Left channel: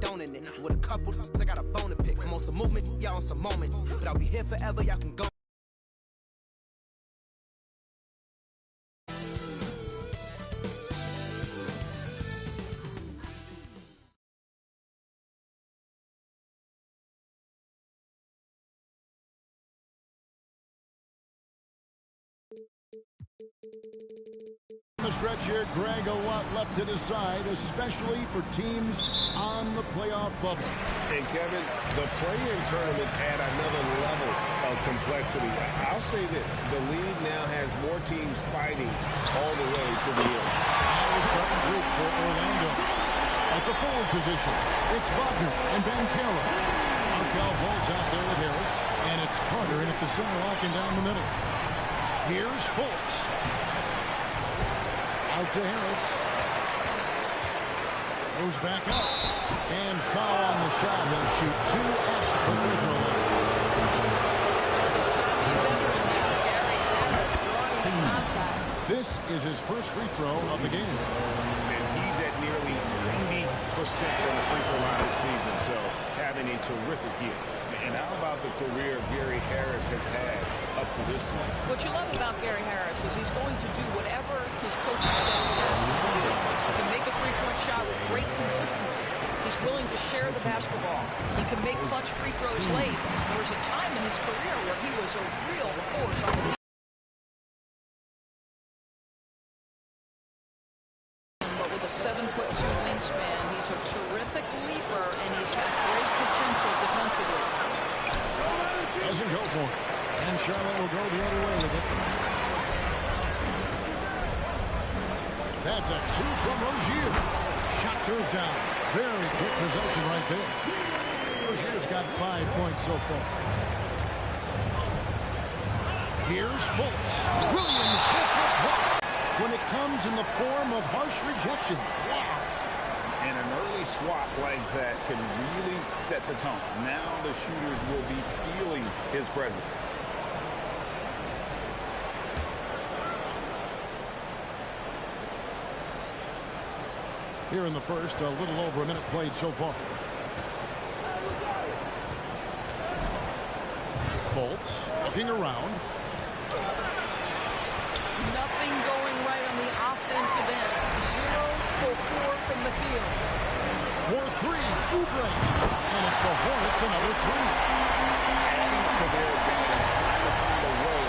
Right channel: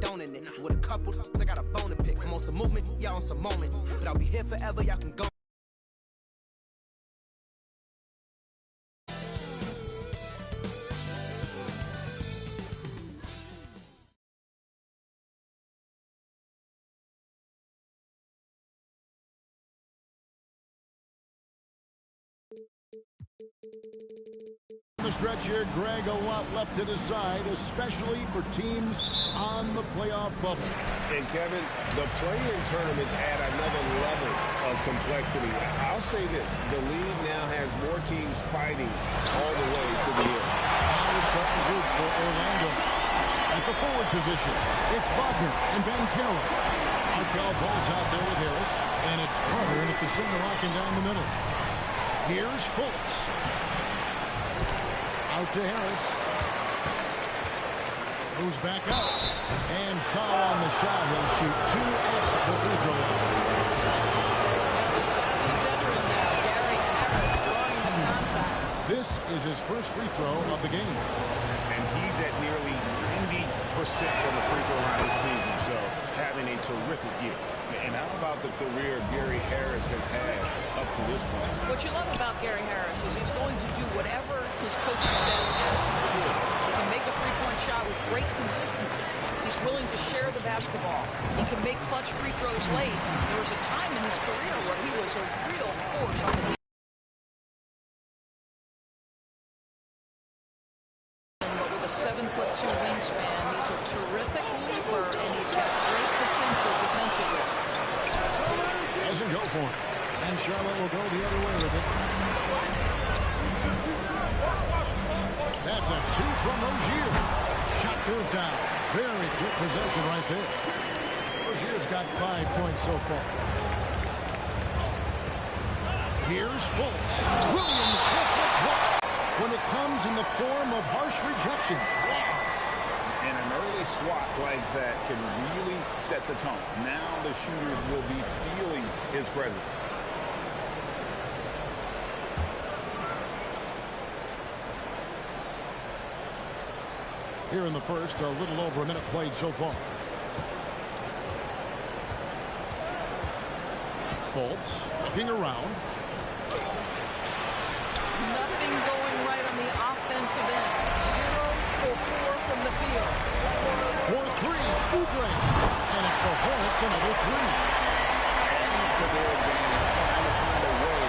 Don't in it. With a couple, I got a bone to pick. I'm on some movement, y'all on some moment. But I'll be here forever, y'all can go. The stretch here, Greg, a lot left to decide, especially for teams on the playoff bubble. And Kevin, the play-in tournaments add another level of complexity. I'll say this, the league now has more teams fighting all the way to the end. Now the starting group for Orlando. At the forward positions, it's Wagner and Banchero. Arkell Volt's out there with Harris, and it's Carter in at the center, locking down the middle. Here's Fultz. Out to Harris. Goes back up. And foul on the shot. He'll shoot 2 at the free throw line. Now the savvy veteran now, Gary Harris, drawing the contact. This is his first free throw of the game. And he's at nearly 90% from the free throw line this season, so having a terrific year. And how about the career Gary Harris has had up to this point? What you love about Gary Harris is he's going to do whatever his coaching staff asks him to do. He can make a three-point shot with great consistency. He's willing to share the basketball. He can make clutch free throws late. There was a time in his career where he was a real force on the defense. But with a 7'2" wingspan, he's a terrific leaper, and he's got great potential defensively. Doesn't go for it. And Charlotte will go the other way with it. That's a 2 from Rozier. Shot goes down. Very quick possession right there. Rozier's got 5 points so far. Here's Fultz. Williams with the block. When it comes in the form of harsh rejections. Wow. And an early swat like that can really set the tone. Now the shooters will be feeling his presence. Here in the first, a little over a minute played so far. Fultz looking around. Nothing going right on the offensive end. 0 for 4 from the field. For 3, Oubre. And it's the Hornets, another 3. Adding to their advantage, trying to find a way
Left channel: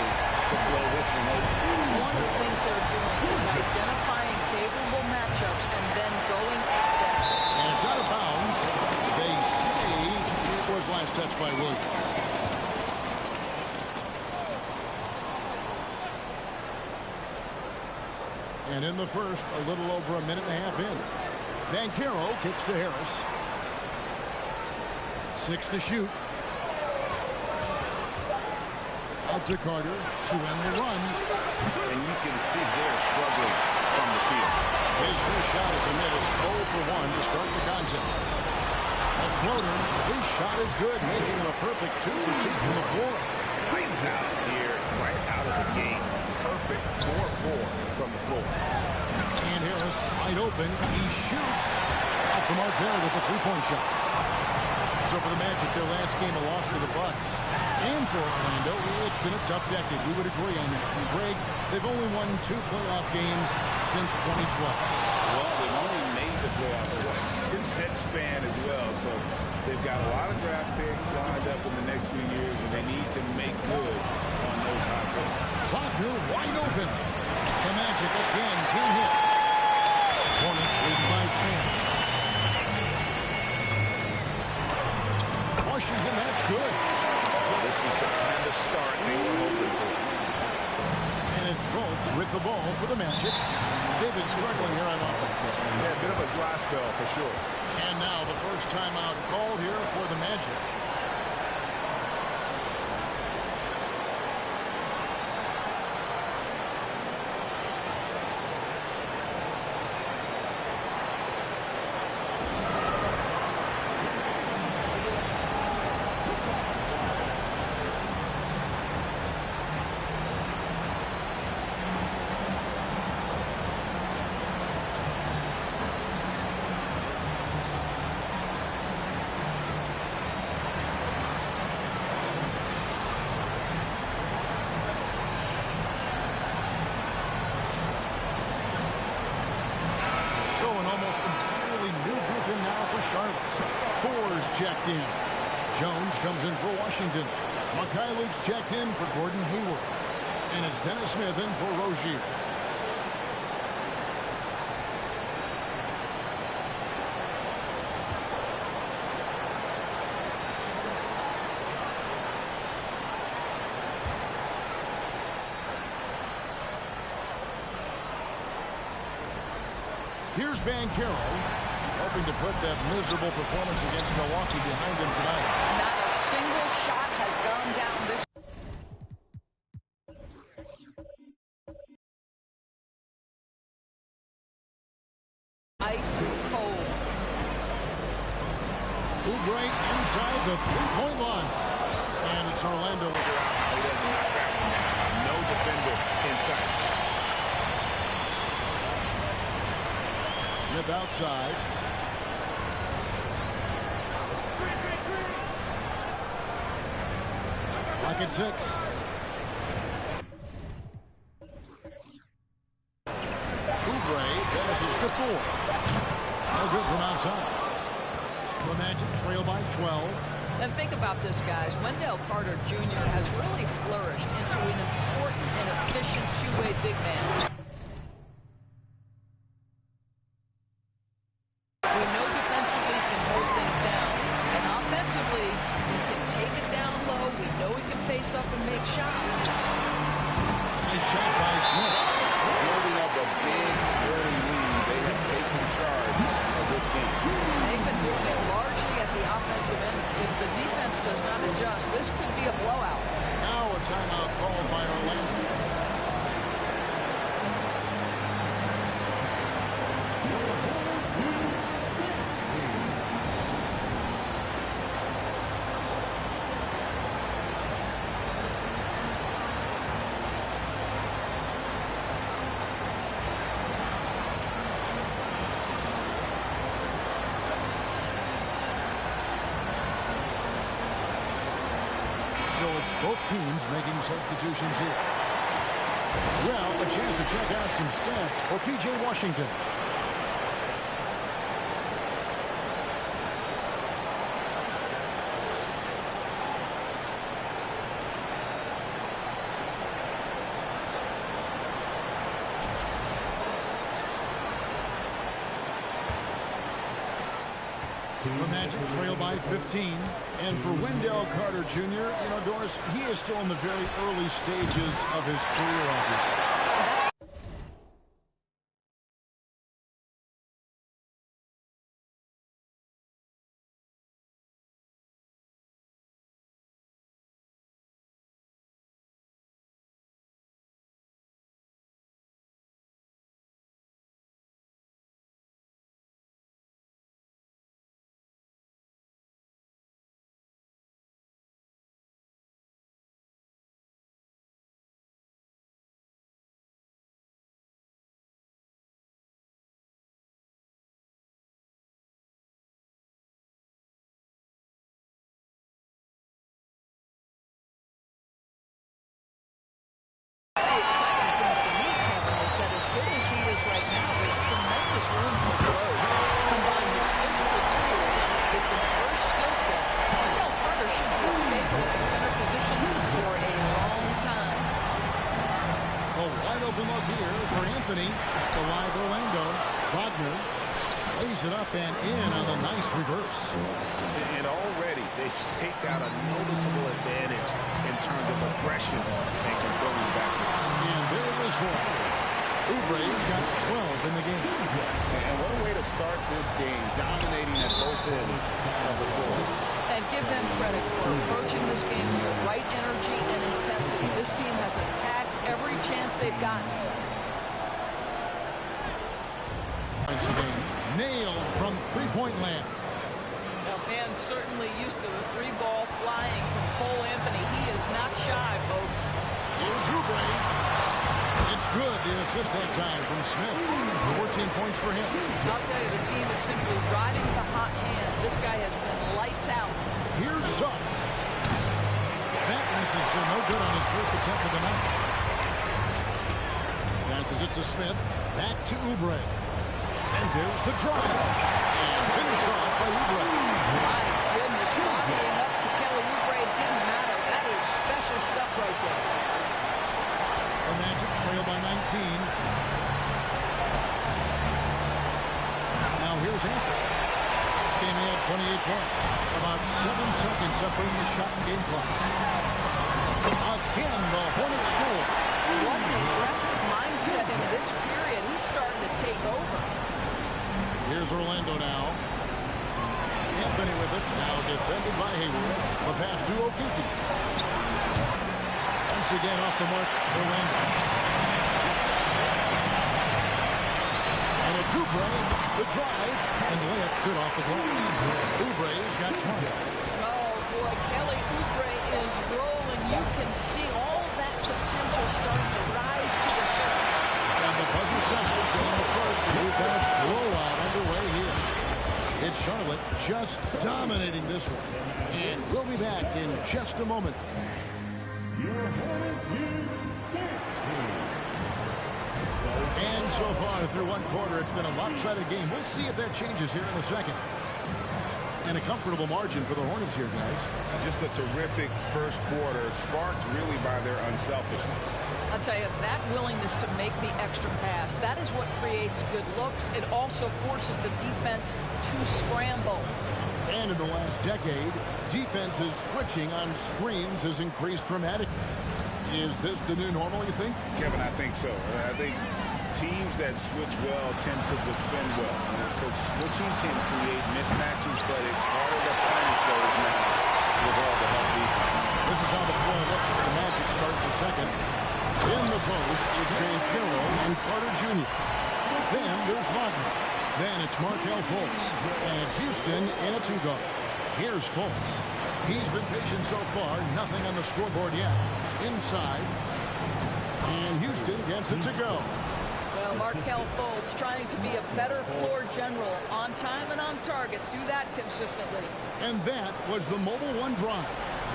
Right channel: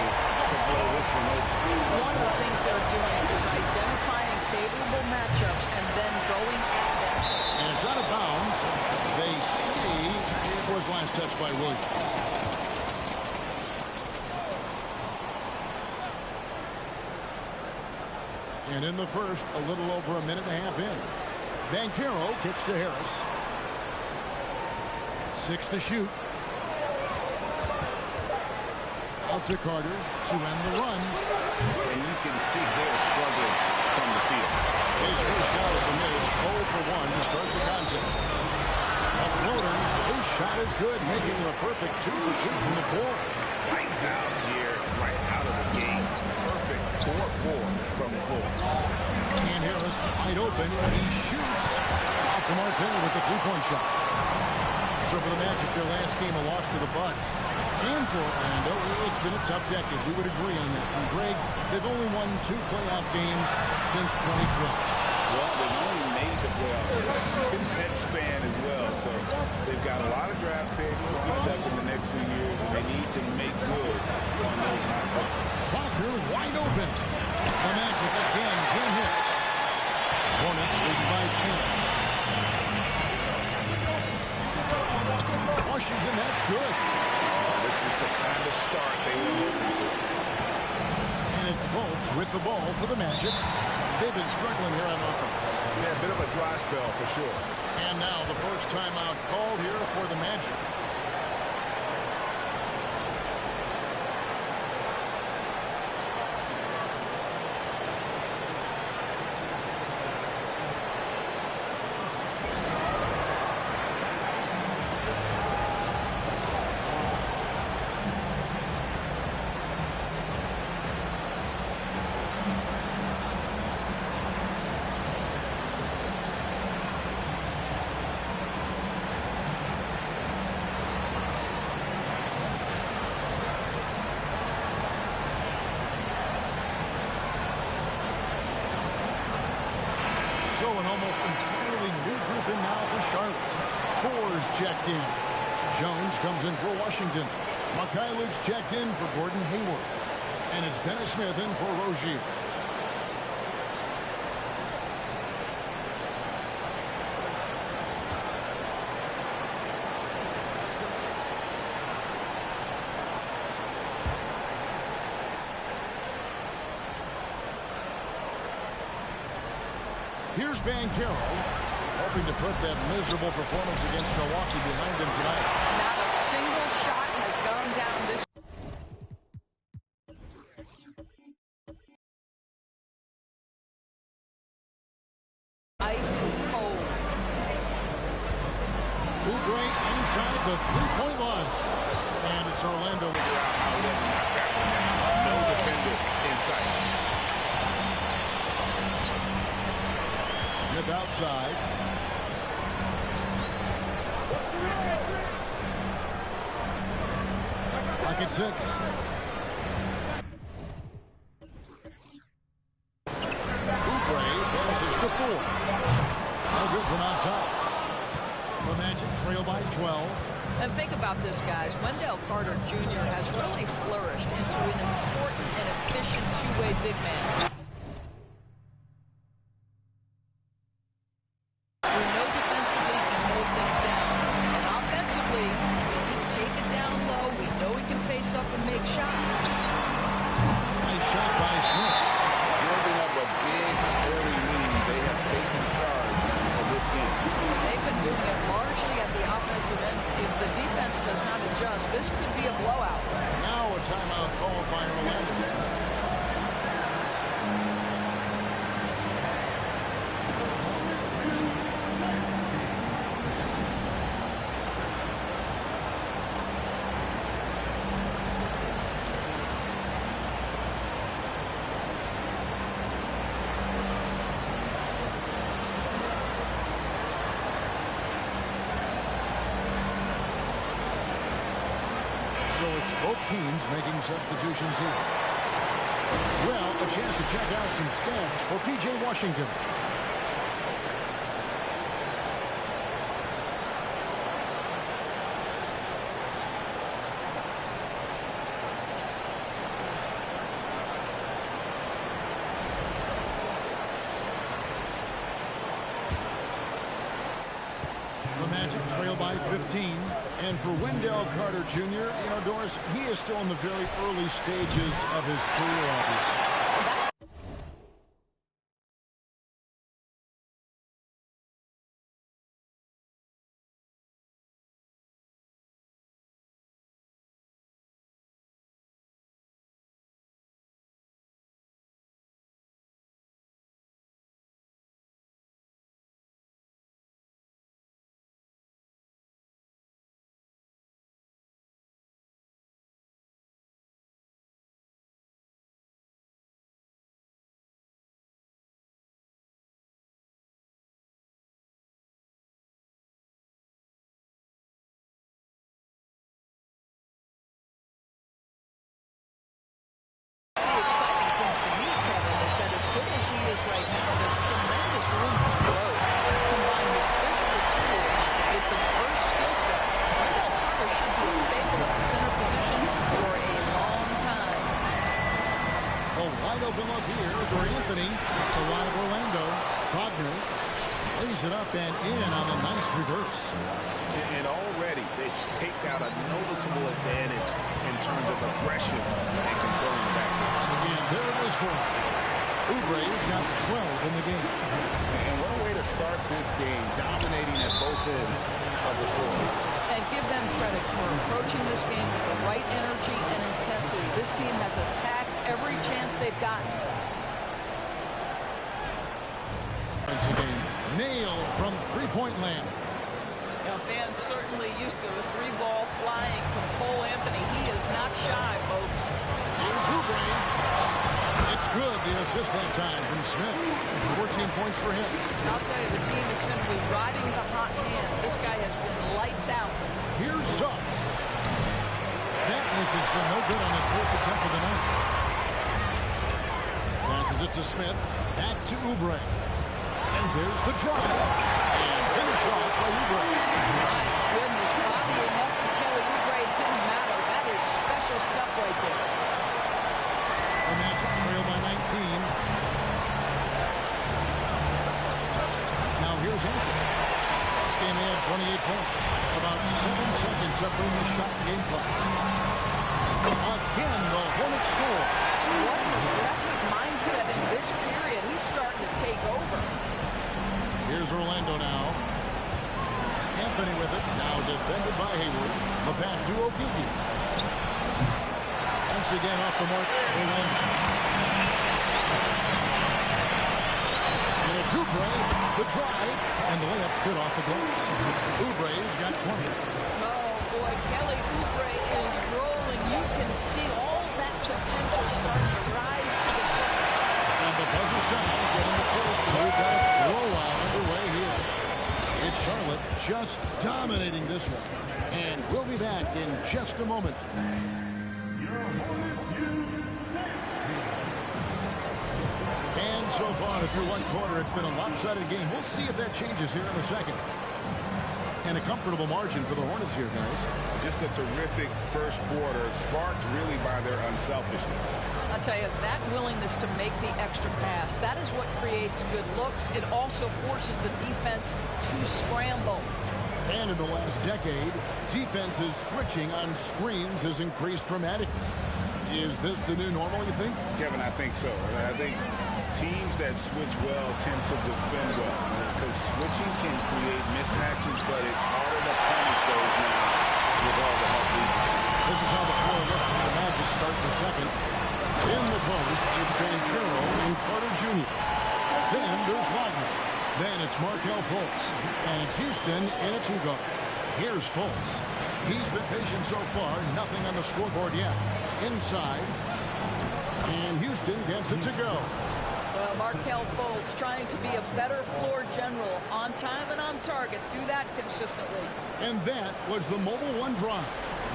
to blow this one open. One of the things they're doing is identifying favorable matchups and then going at them. And it's out of bounds. They say it was last touched by Williams. And in the first, a little over a minute and a half in. Banchero gets to Harris. 6 to shoot. Out to Carter to end the run. And you can see they're struggling from the field. His first shot is a miss. 0 for 1 to start the contest. A floater. His shot is good, making it a perfect 2 for 2 from the floor. Lights out here, right out of the game. Perfect 4-4 from the floor. And Harris wide open. He shoots off the mark there with the three-point shot. So for the Magic, their last game, a loss to the Bucks. And for Orlando, it's been a tough decade. We would agree on that. And Greg, they've only won 2 playoff games since 2012. Well, they've only made the playoffs twice in that span as well. So they've got a lot of draft picks lined up in the next few years, and they need to make good on those high picks. Wagner wide open. The Magic again can't hit. Hornets leading by 10. Washington, that's good. Well, this is the kind of start they were hoping for. And it's Fultz with the ball for the Magic. They've been struggling here on offense. Yeah, a bit of a dry spell for sure. And now the first timeout called here for the Magic. So an almost entirely new group in now for Charlotte. Thor's checked in. Jones comes in for Washington. Mikhailuk's checked in for Gordon Hayward. And it's Dennis Smith in for Rozier. Here's Banchero, hoping to put that miserable performance against Milwaukee behind him tonight. Not a single shot has gone down this. Ice cold. Oubre inside the three-point line. And it's Orlando. Figure out how he doesn't knock that one down. No defender in sight. Smith outside. Clock at 6. Oubre passes to Thor. No good from outside. The Magic trail by 12. And think about this, guys. Wendell Carter Jr. has really flourished into an important and efficient two-way big man. We know defensively he can hold things down. And offensively, he can take it down low. We know he can face up and make shots. Nice shot by Smith. Building up a big early lead. They have taken charge of this game. They've been doing it largely at the offensive end. If the defense does not adjust, this could be a blowout. Now a timeout called by Orlando. So it's both teams making substitutions here. Well, a chance to check out some stats for P.J. Washington. The Magic trail by 15. And for Wendell Carter Jr., you know, Doris, he is still in the very early stages of his career, obviously. The exciting thing to me, Kevin, is that as good as he is right now, there's tremendous room for growth. Combine his physical tools with the diverse skill set, Wendell Carter should be a staple at the center position for a long time. A wide open look here for Anthony. The live Orlando. Wagner lays it up and in on the nice reverse. And already they've staked out a noticeable advantage in terms of aggression and controlling the backcourt. And there it is for him. Oubre's got 12 in the game. And what a way to start this game, dominating at both ends of the floor. And give them credit for approaching this game with the right energy and intensity. This team has attacked every chance they've gotten. Once again, nailed from three-point land. Now, fans certainly used to the three ball flying from Cole Anthony. He is not shy, folks. Here's Oubre. It's good. The assist that time from Smith. 14 points for him. I'll tell you, the team is simply riding the hot hand. This guy has been lights out. Here's Suggs. That misses, so no good on his first attempt of the night. Passes it to Smith. Back to Oubre. And there's the drive. And finished off by Oubre. My goodness, bodying up to Kelly Oubre, it didn't matter. That is special stuff right there. The Magic trail by 19. Now here's Anthony. This game he had 28 points. About 7 seconds separating the shot and game clocks. Again, the Hornets score. What an aggressive mindset in this period. He's starting to take over. Here's Orlando now. Anthony with it. Now defended by Hayward. The pass to Okeke. Once again off the mark, Orlando. And it's Oubre off the drive. And the layup's good off the glass. Oubre's got 20. Oh, boy, Kelly Oubre is rolling. You can see all that potential starting to rise to the surface. And the buzzer sounds getting the first, and we've got a blowout underway here. It's Charlotte just dominating this one. And we'll be back in just a moment. And so far, through one quarter, it's been a lopsided game. We'll see if that changes here in a second. And a comfortable margin for the Hornets here, guys. Just a terrific first quarter, sparked really by their unselfishness. I'll tell you, that willingness to make the extra pass, that is what creates good looks. It also forces the defense to scramble. And in the last decade, defenses switching on screens has increased dramatically. Is this the new normal, you think? Kevin, I think so. I think teams that switch well tend to defend well, because switching can create mismatches, but it's harder to punish those now with all the help defense. This is how the floor looks for the Magic start the second. In the post, it's Banchero and Carter Jr. Then there's Wagner. Then it's Markelle Fultz. And it's Houston in a two-guard. Here's Fultz. He's been patient so far. Nothing on the scoreboard yet. Inside. And Houston gets it to go. Well, Markelle Fultz trying to be a better floor general. On time and on target. Do that consistently. And that was the Mobile One drive.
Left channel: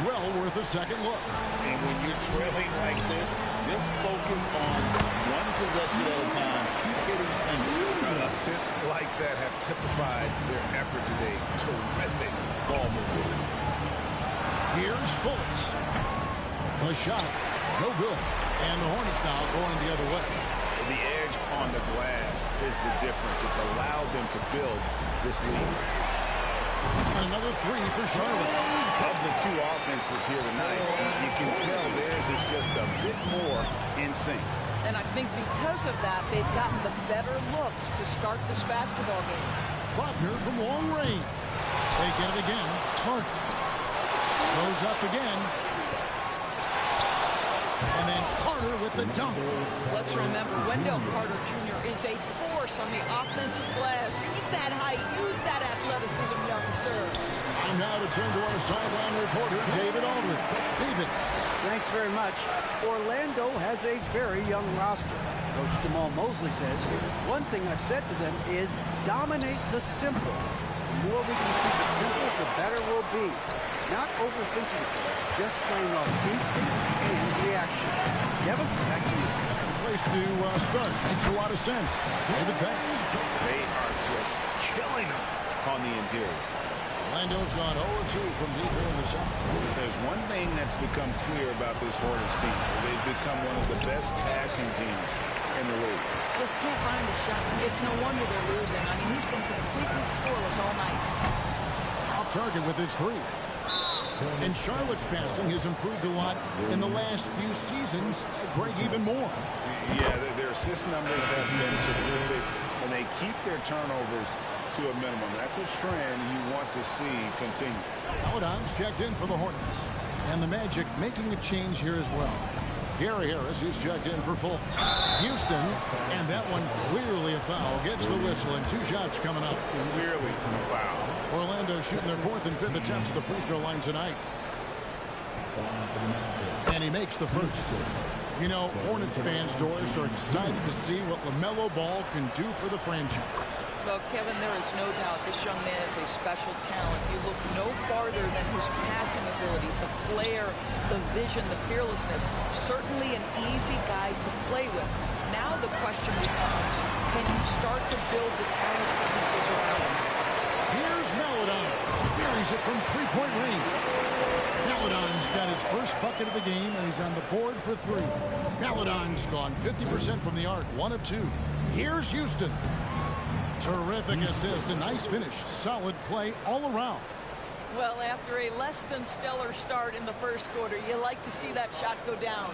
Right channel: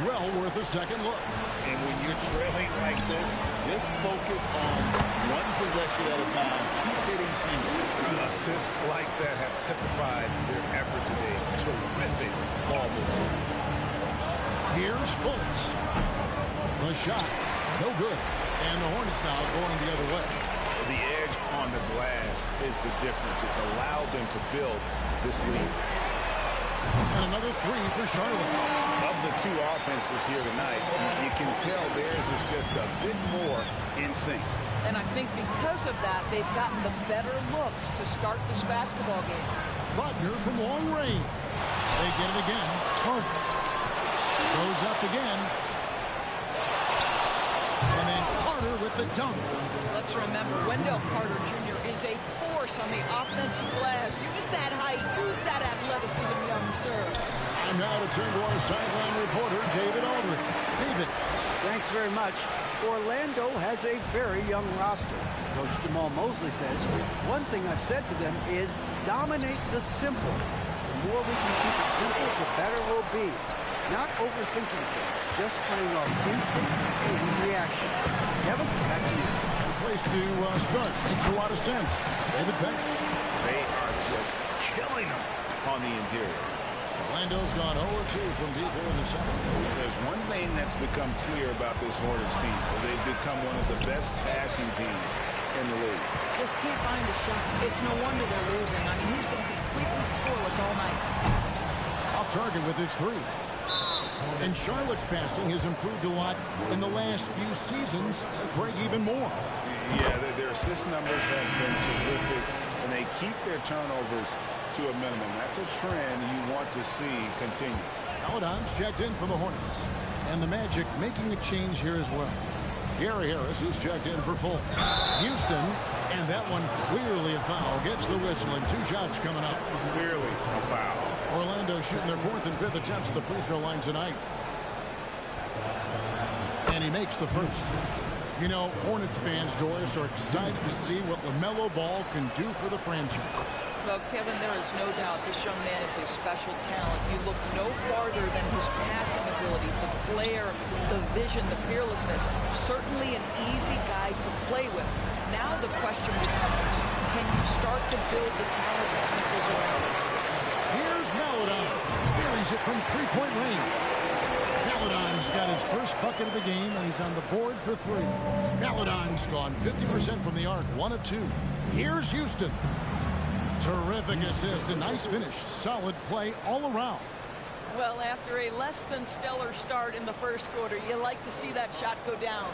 Well worth a second look. And when you're trailing like this, just focus on one possession at a time. Keep hitting singles. Assists like that have typified their effort today. Terrific ball movement. Here's Fultz. The shot, no good. And the Hornets now going the other way. The edge on the glass is the difference. It's allowed them to build this lead. And another three for Charlotte. Of the two offenses here tonight, you can tell theirs is just a bit more in sync. And I think because of that, they've gotten the better looks to start this basketball game. Wagner from long range. They get it again. Carter goes up again. And then Carter with the dunk. Let's remember, Wendell Carter Jr. is a force on the offensive glass. Use that height. Use that athleticism, young sir. Time now to turn to our sideline reporter, David Aldridge. David. Thanks very much. Orlando has a very young roster. Coach Jamal Mosley says, one thing I've said to them is dominate the simple. The more we can keep it simple, the better we'll be. Not overthinking things, just playing off instincts and reaction. Kevin, back to you. Good place to start. Makes a lot of sense. David, thanks. They are just killing them on the interior. Orlando's gone 0-2 from deep here in the second. There's one thing that's become clear about this Hornets team. They've become one of the best passing teams in the league. Just can't find a shot. It's no wonder they're losing. I mean, he's been completely scoreless all night. Off target with his three. And Charlotte's passing has improved a lot in the last few seasons. Greg, even more. Yeah, their assist numbers have been terrific, and they keep their turnovers to a minimum. That's a trend you want to see continue. Paladon's checked in for the Hornets. And the Magic making a change here as well. Gary Harris is checked in for Fultz. Houston, and that one clearly a foul, gets the whistle, and two shots coming up. Clearly a foul. Orlando shooting their fourth and fifth attempts at the free throw line tonight. And he makes the first. You know, Hornets fans, Doris, are excited to see what LaMelo Ball can do for the franchise. Well, Kevin, there is no doubt this young man is a special talent. You look no farther than his passing ability, the flair, the vision, the fearlessness. Certainly an easy guy to play with. Now the question becomes, can you start to build the talented pieces around him? Here's Maladon. Buries it from three-point range. Maladon's got his first bucket of the game, and he's on the board for three. Maladon's gone 50% from the arc, 1 of 2. Here's Houston. Terrific assist, a nice finish. Solid play all around. Well, after a less than stellar start in the first quarter, you like to see that shot go down.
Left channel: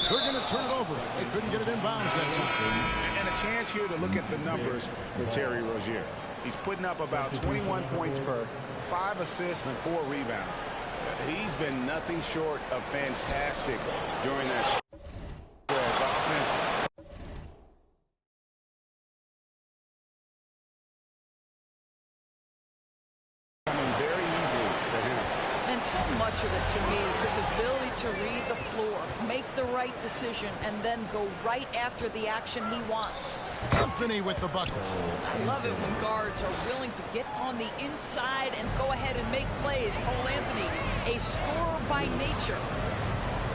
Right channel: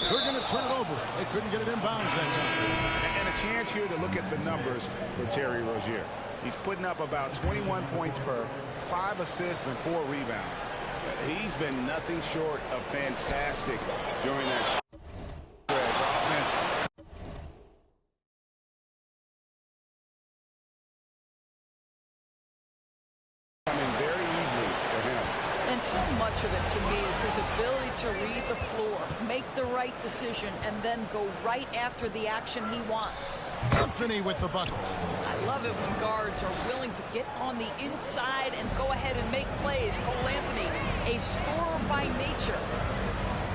They're going to turn it over. They couldn't get it in bounds that time. And a chance here to look at the numbers for Terry Rozier. He's putting up about 21 points per, 5 assists and 4 rebounds. He's been nothing short of fantastic during that stretch. Offense coming very easily for him. And so much of it, to me, is his ability to read the floor, make the right decision, and then go right after the action he wants. Anthony with the bucket. I love it when guards are willing to get on the inside and go ahead and make plays. Cole Anthony, a scorer by nature.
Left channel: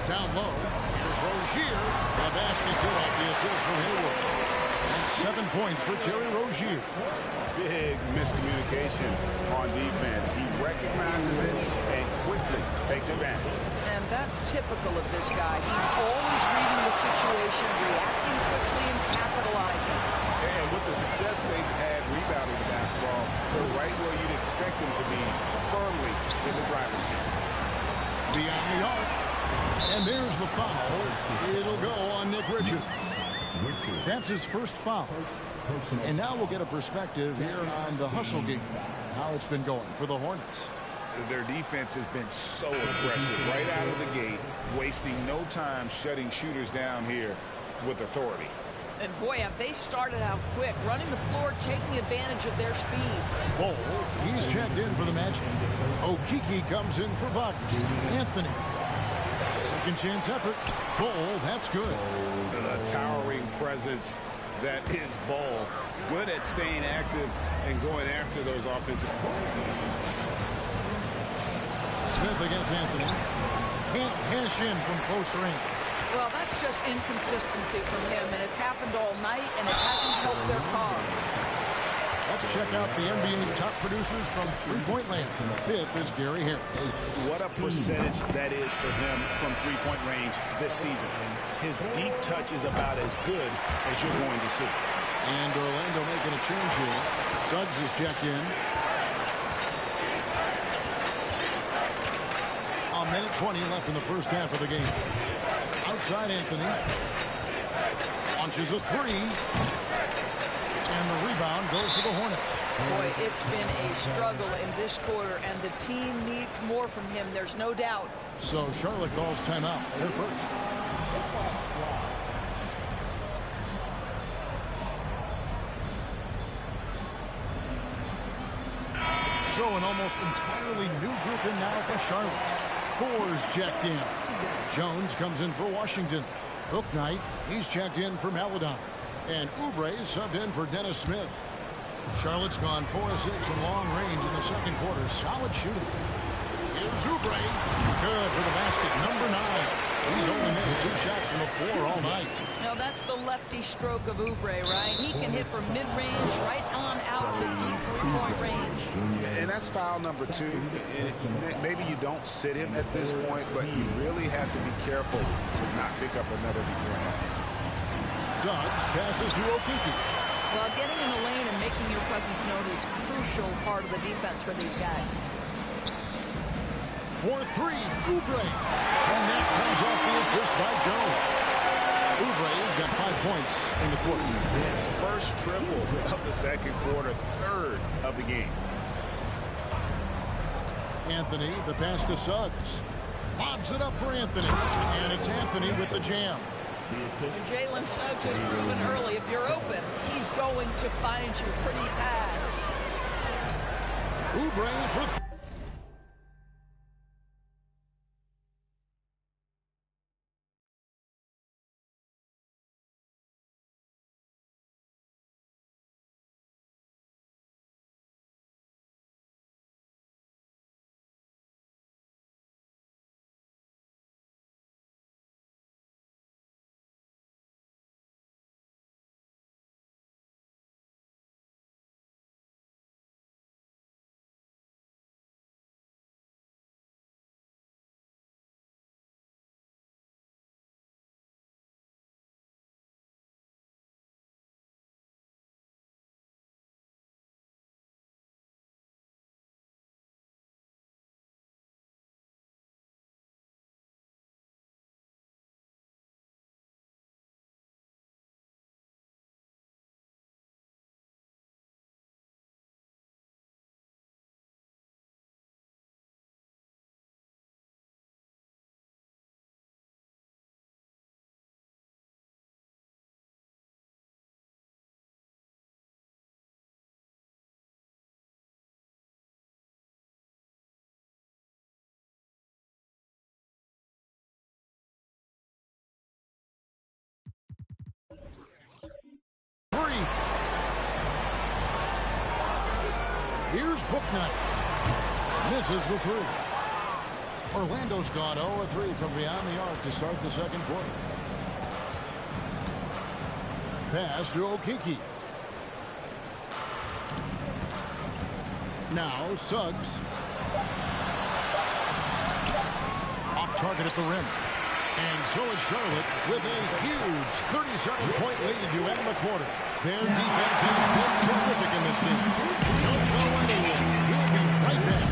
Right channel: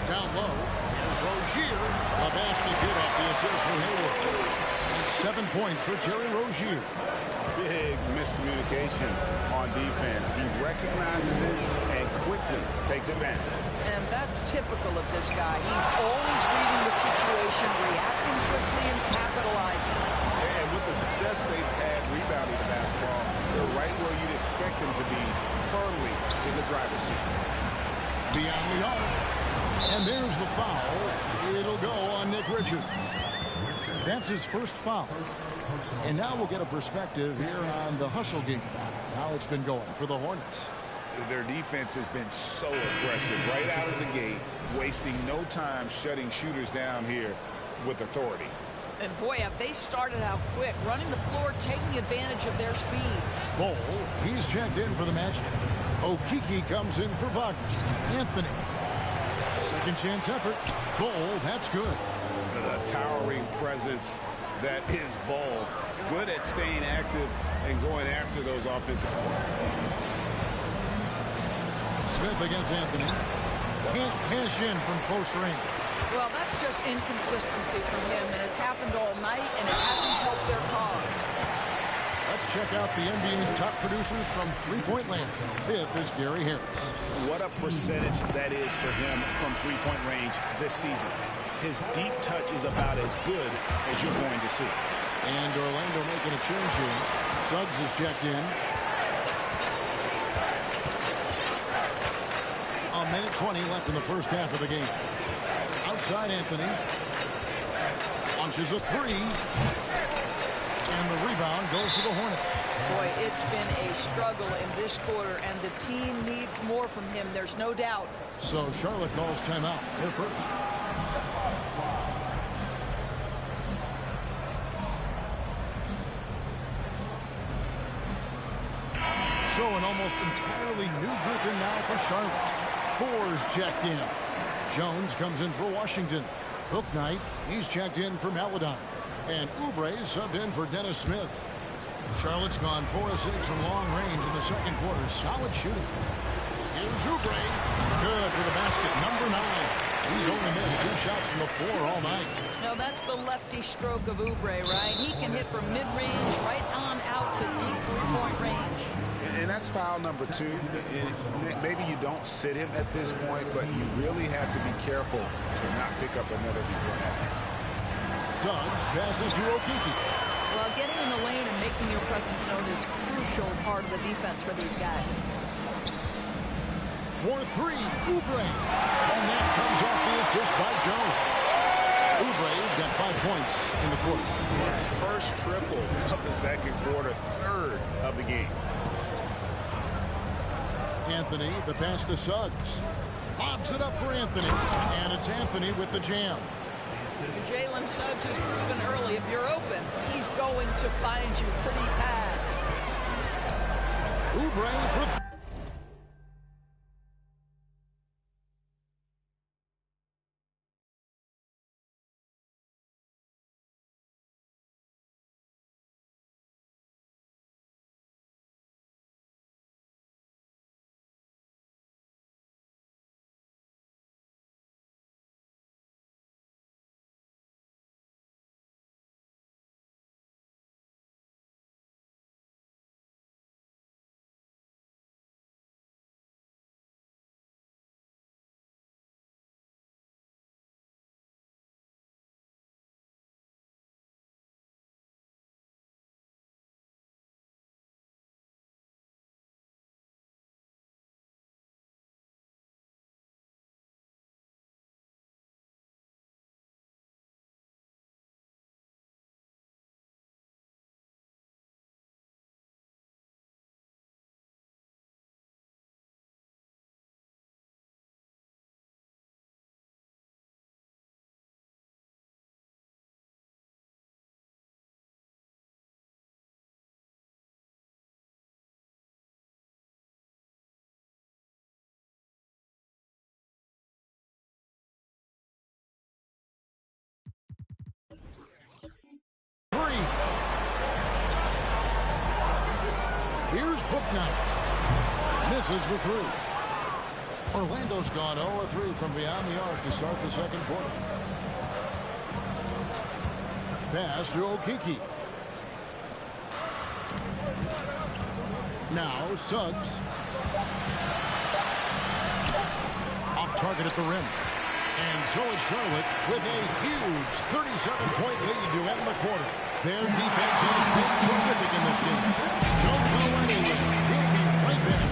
Down low, here's Rozier. The basket good off the assist from Hayward. And 7 points for Terry Rozier. Big miscommunication on defense. He recognizes it and quickly takes advantage. And that's typical of this guy. He's always reading the situation, reacting quickly, and capitalizing. And with the success they've had rebounding the basketball, they're right where you'd expect them to be, firmly in the driver's seat. Beyond the arc. And there's the foul. It'll go on Nick Richards. That's his first foul. And now we'll get a perspective here on the hustle game, how it's been going for the Hornets. Their defense has been so aggressive right out of the gate, wasting no time shutting shooters down here with authority. And boy, have they started out quick, running the floor, taking advantage of their speed. Bol, he's checked in for the Magic. Okiki comes in for Wagner. Anthony. A second chance effort. Bol, that's good. The towering presence that is Bol. Good at staying active and going after those offensive. Smith against Anthony. Can't cash in from close range. Well, that's just inconsistency from him, and it's happened all night, and it hasn't helped their cause. Let's check out the NBA's top producers from three-point land. Fifth is Gary Harris. What a percentage that is for him from three-point range this season. His deep touch is about as good as you're going to see. And Orlando making a change here. Suggs is checked in. A minute 20 left in the first half of the game. Outside Anthony. Launches a three. And the rebound goes to the Hornets. Boy, it's been a struggle in this quarter, and the team needs more from him. There's no doubt. So Charlotte calls timeout. They're first. So an almost entirely new group in now for Charlotte. Four's checked in. Jones comes in for Washington. Bouknight, he's checked in for Maladon. And Oubre subbed in for Dennis Smith. Charlotte's gone 4 of 6 from long range in the second quarter. Solid shooting. Here's Oubre. Good for the basket. Number 9. He's only missed 2 shots from the floor all night. Now that's the lefty stroke of Oubre, right? He can hit from mid-range right on out to deep three-point range. And that's foul number 2. And maybe you don't sit him at this point, but you really have to be careful to not pick up another beforehand. Suggs passes to Okiki. Well, getting in the lane and making your presence known is a crucial part of the defense for these guys. For 3, Oubre. And that comes off the assist by Jones. Oubre's got 5 points in the quarter. His first triple of the second quarter, third of the game. Anthony, the pass to Suggs. Lobs it up for Anthony. And it's Anthony with the jam. And Jalen Suggs has proven early, if you're open, he's going to find you. Pretty pass. Oubre for three. Here's Booknight. Misses the three. Orlando's gone 0 of 3 from beyond the arc to start the second quarter. Pass to Okiki. Now Suggs. Off target at the rim. And so is Charlotte with a huge 37-point lead to end the quarter. Their defense has been terrific in this game. Don't go anywhere. We'll be right back.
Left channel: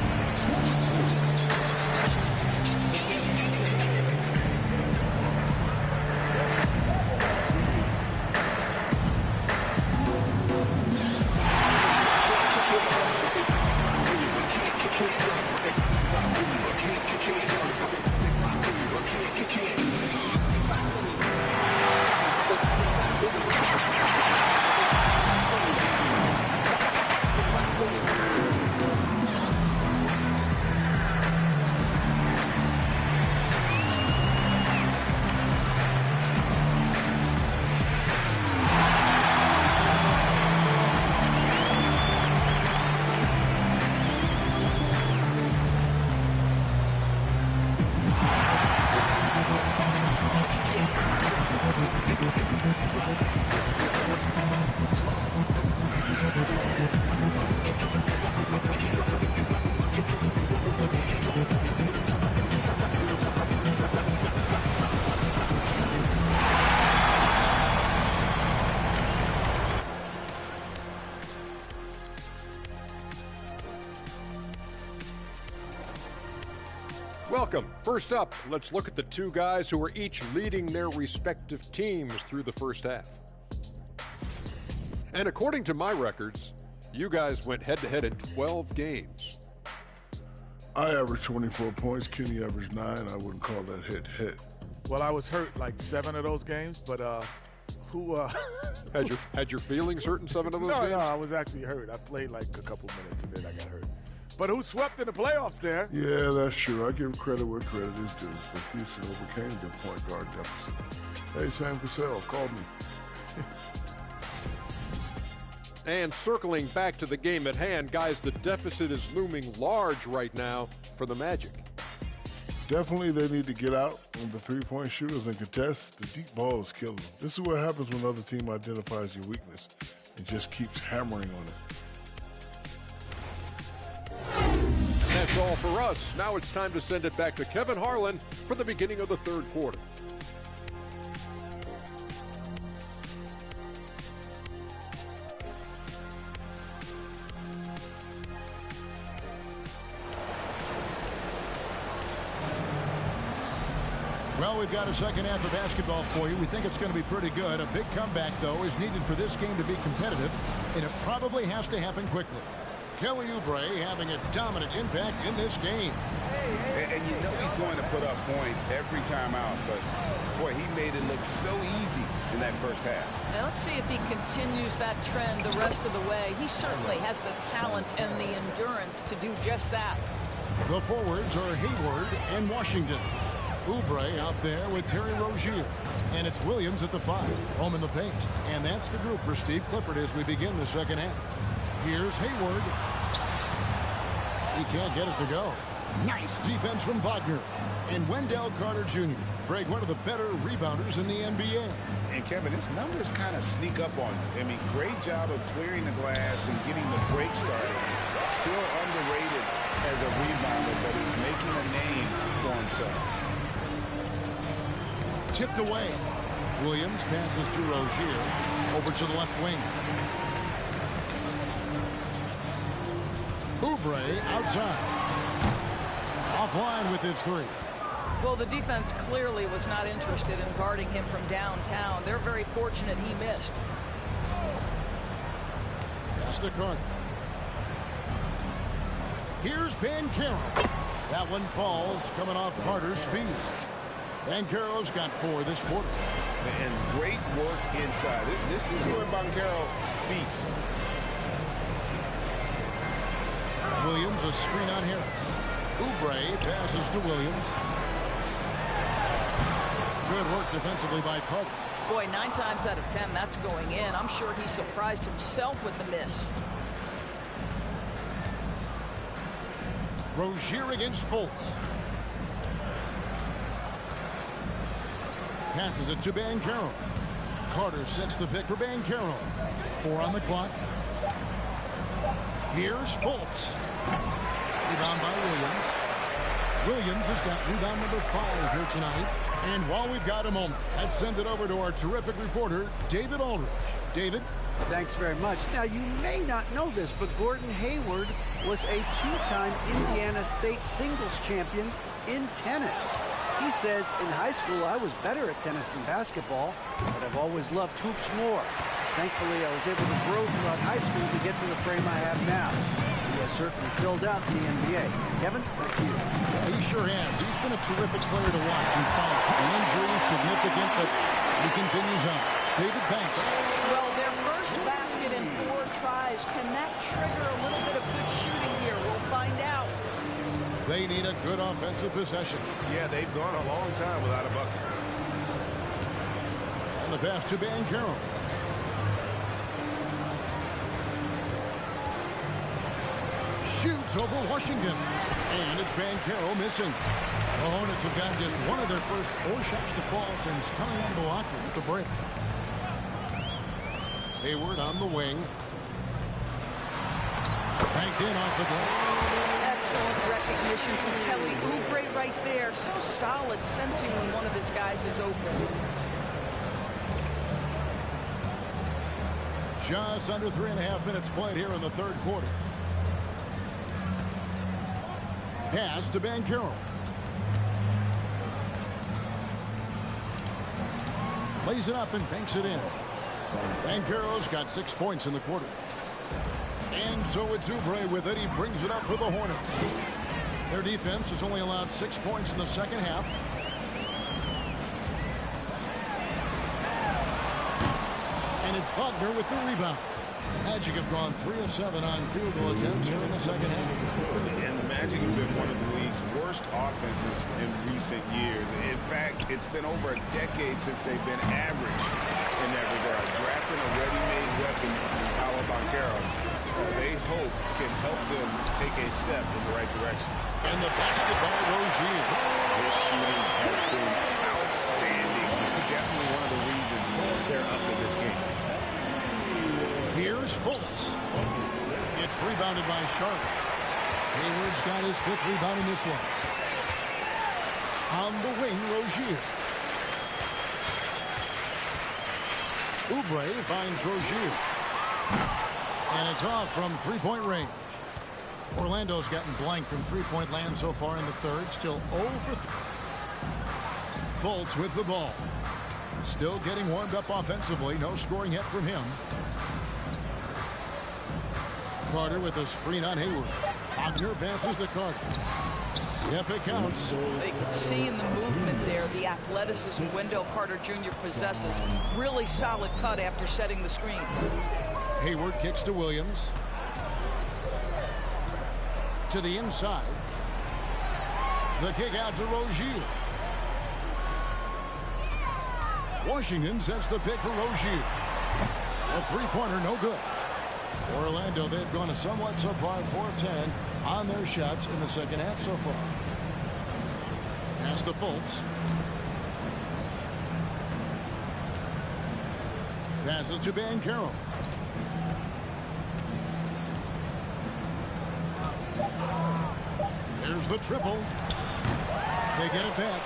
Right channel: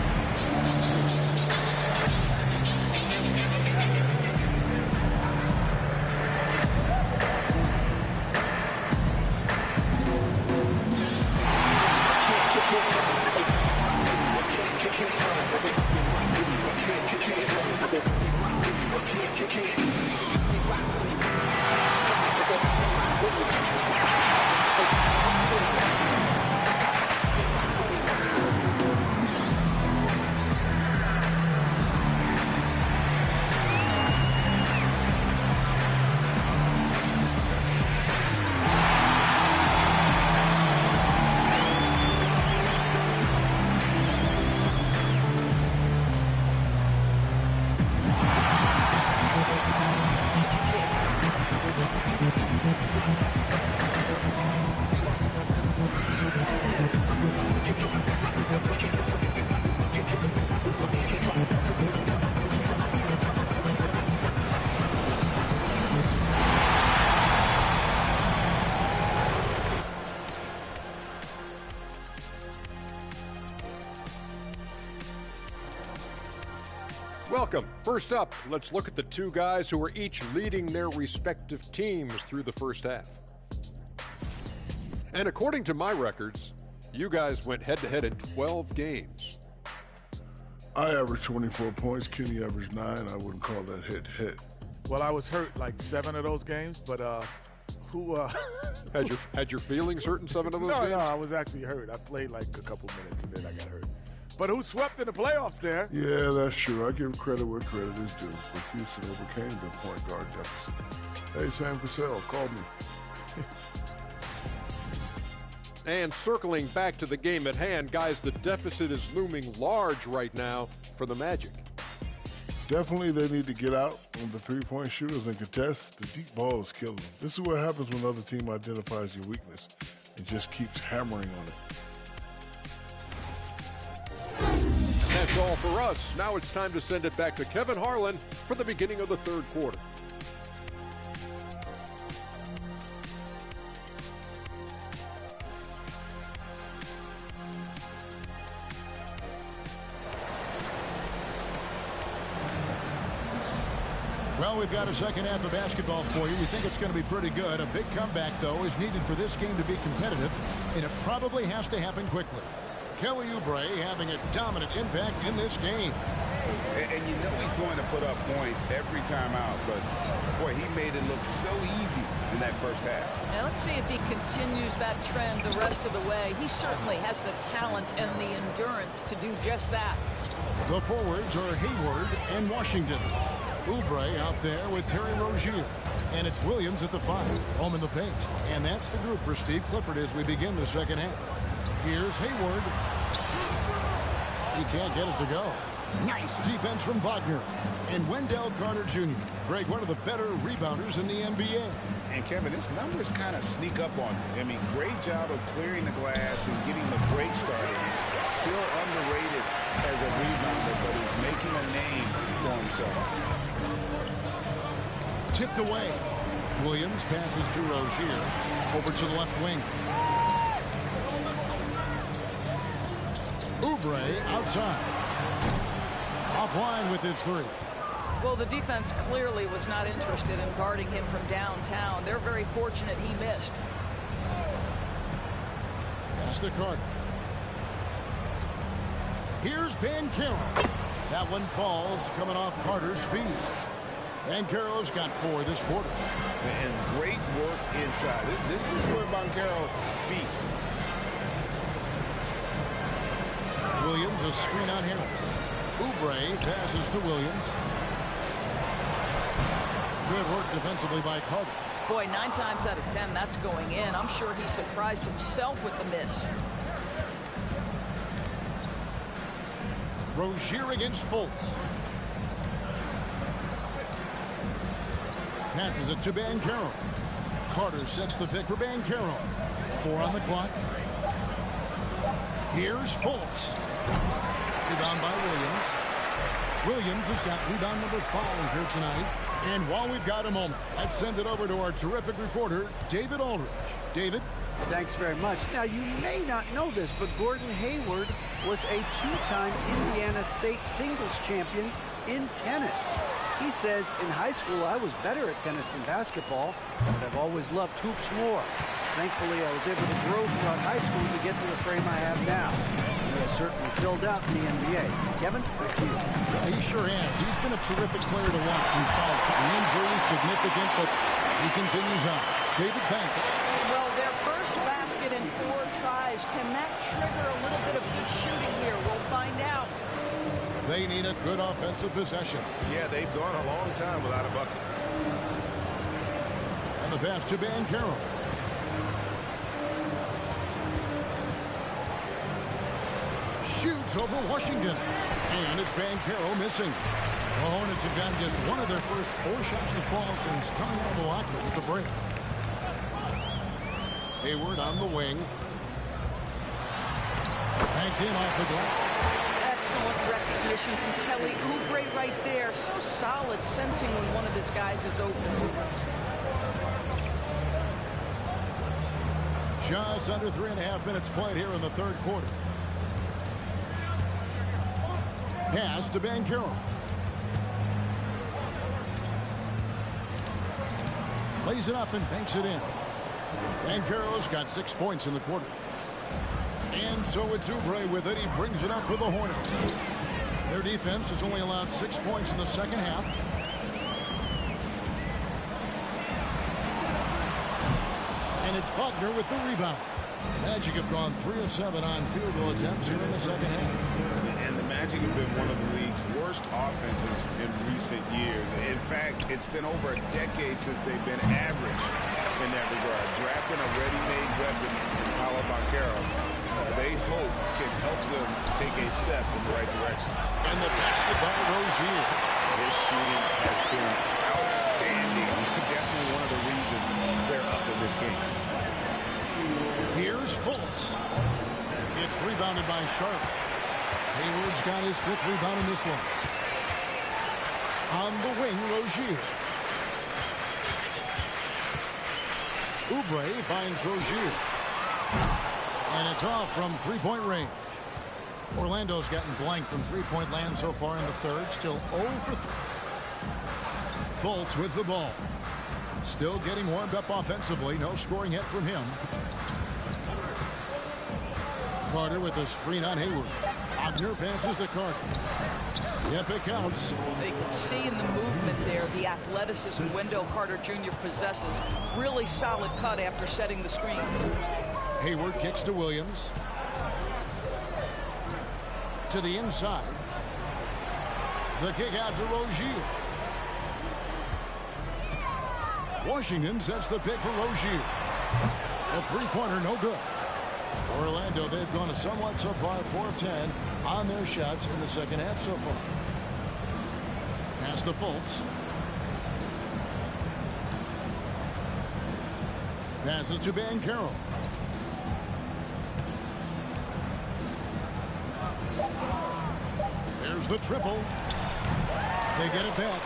Welcome. First up, let's look at the two guys who were each leading their respective teams through the first half. And according to my records, you guys went head-to-head in 12 games. I averaged 24 points. Kenny averaged 9. I wouldn't call that hit. Well, I was hurt like 7 of those games, but Had your feelings hurt in 7 of those games? No, I was actually hurt. I played like a couple minutes and then I got hurt. But who swept in the playoffs there? Yeah, that's true. I give credit where credit is due. But Houston overcame the point guard deficit. Hey, Sam Cassell called me. And circling back to the game at hand, guys, the deficit is looming large right now for the Magic. Definitely they need to get out on the three-point shooters and contest. The deep ball is killing them. This is what happens when another team identifies your weakness and just keeps hammering on it. That's all for us. Now it's time to send it back to Kevin Harlan for the beginning of the third quarter. Well, we've got a second half of basketball for you. We think it's going to be pretty good. A big comeback, though, is needed for this game to be competitive, and it probably has to happen quickly. Kelly Oubre having a dominant impact in this game. And you know he's going to put up points every time out, but boy, he made it look so easy in that first half. Now let's see if he continues that trend the rest of the way. He certainly has the talent and the endurance to do just that. The forwards are Hayward and Washington. Oubre out there with Terry Rozier. And it's Williams at the 5, home in the paint. And that's the group for Steve Clifford as we begin the second half. Here's Hayward. He can't get it to go. Nice defense from Wagner. And Wendell Carter Jr. Greg, one of the better rebounders in the NBA. And Kevin, his numbers kind of sneak up on you. I mean, great job of clearing the glass and getting the break started. Still underrated as a rebounder, but is making a name for himself. Tipped away. Williams passes to Rozier. Over to the left wing. Oubre outside. Offline with his 3. Well, the defense clearly was not interested in guarding him from downtown. They're very fortunate he missed. Pass to Carter. Here's Banchero. That one falls coming off Carter's feet. Banchero's got 4 this quarter. And great work inside. This is where Banchero feasts. Williams, a screen on Harris. Oubre passes to Williams. Good work defensively by Carter. Boy, 9 times out of 10, that's going in. I'm sure he surprised himself with the miss. Rozier against Fultz. Passes it to Banchero. Carter sets the pick for Banchero. 4 on the clock. Here's Fultz. Rebound by Williams. Williams has got rebound number 5 here tonight. And while we've got a moment, let's send it over to our terrific reporter, David Aldridge. David? Thanks very much. Now, you may not know this, but Gordon Hayward was a 2-time Indiana State singles champion in tennis. He says, in high school, I was better at tennis than basketball, but I've always loved hoops more. Thankfully, I was able to grow throughout high school to get to the frame I have now. He has certainly filled out the NBA. Kevin, back to you. Yeah, he sure has. He's been a terrific player to watch and follow. The injury is significant, but he continues on. David, thanks. Well, their first basket in 4 tries. Can that trigger a little bit of good shooting here? We'll find out. They need a good offensive possession. Yeah, they've gone a long time without a bucket. And the pass to Banchero. Shoots over Washington. And it's Banchero missing. The Hornets have gotten just one of their first 4 shots to fall since coming out of the locker room at the break. Hayward on the wing. Banked in off the glass. Excellent recognition from Kelly Oubre right there. So solid, sensing when one of his guys is open. Just under 3.5 minutes played here in the third quarter. Pass to Banchero. Plays it up and banks it in. Banchero's got 6 points in the quarter. And so it's Oubre with it. He brings it up for the Hornets. Their defense has only allowed 6 points in the second half. And it's Wagner with the rebound. Magic have gone 3 of 7 on field goal attempts here in the second half. And the Magic have been one of the league's worst offenses in recent years. In fact, it's been over a decade since they've been average in that regard. Drafting a ready-made weapon in Paolo Banchero, they hope can help them take a step in the right direction. And the basket by Rozier. His shooting has been outstanding. Definitely one of the reasons they're up in this game. Here's Fultz. It's rebounded by Charlotte. Hayward's got his 5th rebound in this one. On the wing, Rozier. Oubre finds Rozier. And it's off from 3-point range. Orlando's gotten blank from 3-point land so far in the third. Still 0 for 3. Fultz with the ball. Still getting warmed up offensively. No scoring yet from him. Carter with a screen on Hayward. Wagner passes to Carter. Yep, it counts. They can see in the movement there the athleticism Wendell Carter Jr. possesses. Really solid cut after setting the screen. Hayward kicks to Williams. To the inside. The kick out to Rozier. Washington sets the pick for Rozier. A 3-pointer, no good. Orlando, they've gone a somewhat subpar 4 of 10 on their shots in the second half so far. Pass to Fultz. Passes to Banchero. There's the triple. They get it back.